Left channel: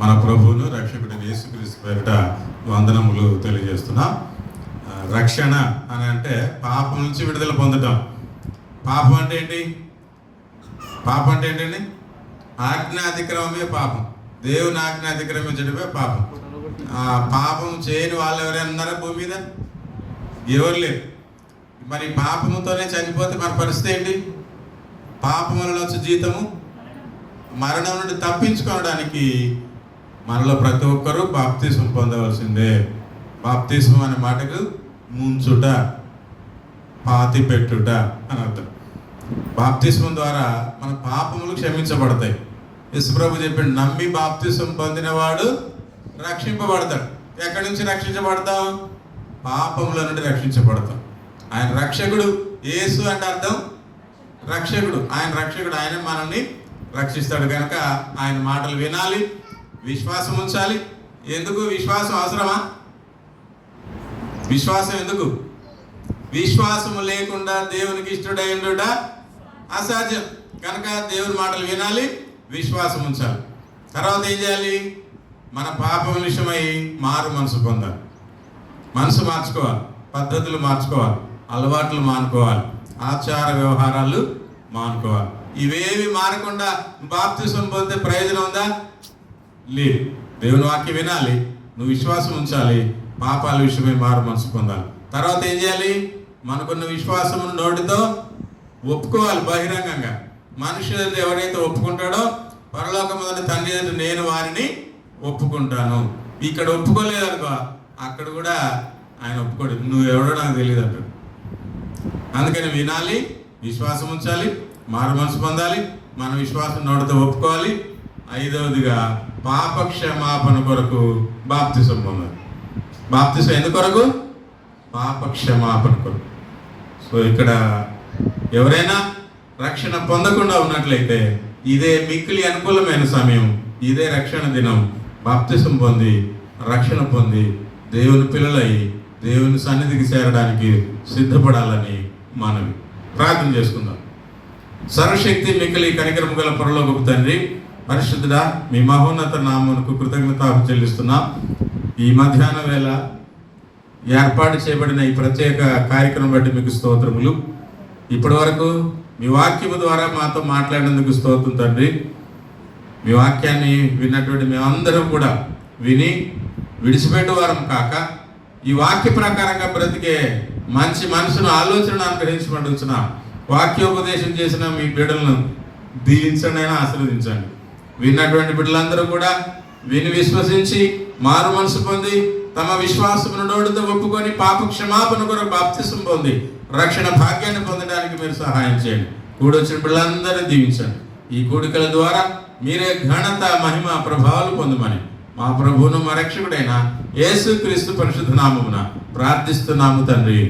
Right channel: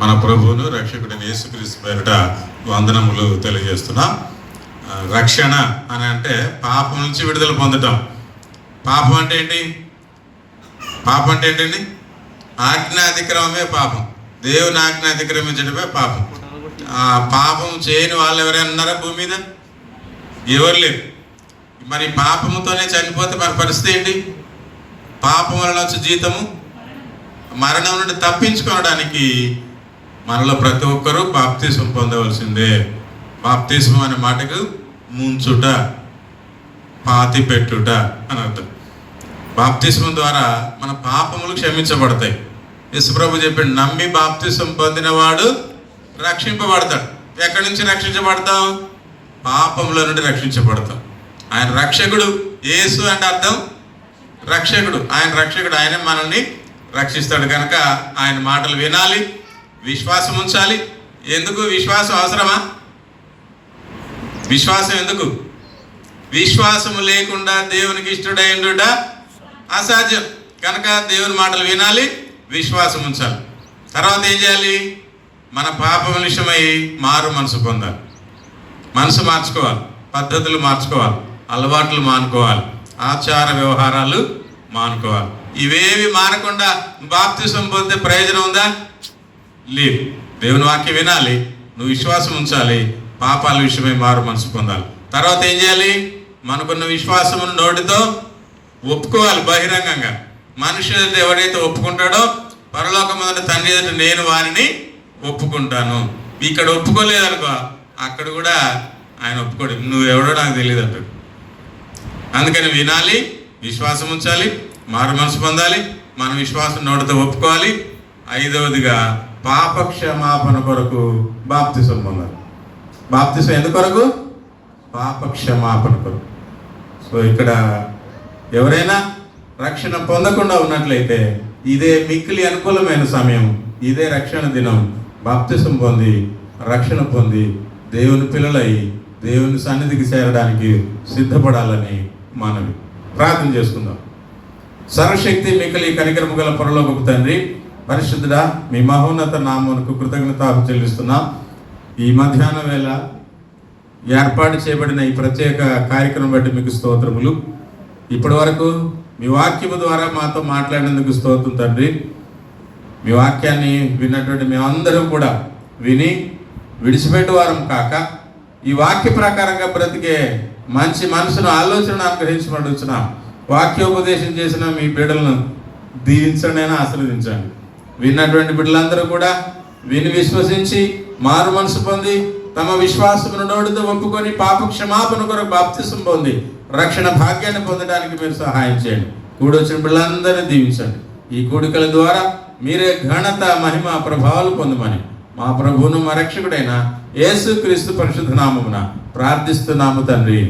మన ప్రభువును రక్షకుడిని యేసుక్రీస్తు పేరిట వందనములు తెలియజేస్తున్నాం. రక్షణ అని అంటే పాపం నుంచి విడుదల పొందటం. పాపం అంటే ఏంటి? పాపం అంటే ఏంటండి? ఆజ్ఞాతిక్రమమే పాపం. దేవుని ఆజ్ఞ అతిక్రమించడమే పాపం. పాపం చేయని వాళ్ళు ఎవరైనా ఉన్నారా భూమి మీద? ఎవరు లేరు. మరి పాపముతోనే చనిపోతే మన పరిస్థితి ఏంటి? పాపం వలన వచ్చే జీతము మరణం నుండి తప్పించుకోవడానికి మనలో ప్రతి ఒక్కరూ బాప్తిస్మం పొందవలసిందే. బాప్తిస్మం అనే మాటకు ముంచుట, పాతి పెట్టుట అని అర్థం. బాప్తిస్మం ద్వారా మన పాపములు క్షమించబడతాయి. యేసుప్రభు చెప్పాడు, నమ్మి బాప్తిస్మం పొందినవాడు రక్షింపబడతాడు. ఎక్కడి నుంచి రక్షించబడతాం? పాపముల నుండి రక్షించబడతాం. ఆయన రక్షకుడు. యేసు అంటే అర్థం రక్షకుడు. ఆయన రక్షకుడు. ఆయన మనల్ని రక్షిస్తాడు కనుక ఆయన మాటలు వినాలి, విశ్వాసం ఉంచాలి. ఎందుకు విశ్వాసం అవసరమా? విశ్వాసం ఎందుకు? విశ్వాసం లేకుండా దేవునికి ఇష్టడైండుట అసాధ్యం కనుక దేవుని మాటలు వినాలి, విశ్వాసం ఉంచాలి. తర్వాత ఏం చేయాలి? మన పాపం విషయమై మారు మనసు పొందాలి. మనసు మార్చుకోవాలి, పద్ధతులు మార్చుకోవాలి, అలవాట్లు మానుకోవాలి, ఆచార వ్యవహారాలు మానుకోవాలి. ఇవేవి మారకుండా బాప్తిస్మం పొందితే ప్రయోజనం ఉందా? లేదు. దేవుని వాక్యం వినాలి, నువ్వు విశ్వాసం ఉంచాలి, పాపాల విషయమై మారు మనసు పొందాలి. తర్వాత ఏం చేయాలి? మనకున్న విశ్వాసమును నోటితో ఒప్పుకోవాలి బహిరంగంగా. మనుషులు ఎవడైతే ఒప్పుకుంటాడో పరలోకమందున్న తండ్రి ఎదుట నేను వారిని ఒప్పుకుంటాను. ఇక్కడ ఒప్పుకోలేదనుకో, అక్కడ కూడా ఆయన ఒప్పుకోడు. నువ్వు ఎవడో నాకు తెలియదు అంటాడు. అందుకని వినాలి, విశ్వాసం ఉంచాలి, మారు మనసు పొందాలి, మన విశ్వాసం నోటితో ఒప్పుకోవాలి. ఐదవదిగా పాప క్షమాపణ కొరకు బాప్తిసం పొందాలి. బాప్తిసం ఎందుకు కొరకు? పాప క్షమాపణ కొరకు. సో ఇక్కడ ఎవరైనా రక్షణ పొందకుండా ఉన్నట్లయితే ఇదే మిక్కిలి అనుకూలమైన సమయం, ఇదే రక్షణ దినం. బాప్తిసం పొంది రక్షణ పొంది దేవుని పిల్లలై దేవుని సన్నిధికి చేరడానికి సిద్ధపడాలని మనవి. ప్రార్థన చేసుకుందాం. సర్వశక్తి మిక్కిలి కనికరము గల పరలోకపు తండ్రి, పరిశుద్ధుడా, మీ మహోన్నత నామమునకు కృతజ్ఞత చెల్లిస్తున్నాం. ఈ మధ్యాహ్నం వేళ ఏర్పాటు చేయబడిన ఈ ప్రత్యేక కార్యక్రమం బట్టి మీకు స్తోత్రములు. ఇప్పటి వరకు మీ వాక్యము ద్వారా మాతో మాట్లాడినందుకు స్తోత్రం తండ్రి. మీ వాక్యాన్ని విన్నటువంటి మేమందరం కూడా విని విడిచిపెట్టే వారం కాక ఈ వాక్య ప్రకారంగా బ్రతికే మంచి మనసును ఆలోచన అనుగ్రహించబడుచున్న వాక్యోపదేశం చేసిన మీ బిడ్డలను దీవించండి, అయినా ఆశీర్వదించండి. విన్నటువంటి బిడ్డలందరూ కూడా విని విశ్వసించి మారు మనసు పొంది తమ విశ్వాసమును నోటితో ఒప్పుకొని పాప క్షమాపణ కొరకు బాప్తిసం పొంది రక్షణ భాగ్యాన్ని పొందడానికి మీరు సహాయం చేయండి. కూడొచ్చిన బిడ్డలందరూ దీవించండి. ఈ కూడికల ద్వారా మీరే ఘనత, మహిమ, ప్రభావాలు పొందమని మా ప్రభువును మా రక్షకుడైన యేసుక్రీస్తు పరిశుద్ధ నామమున ప్రార్థిస్తున్నాము తండ్రి.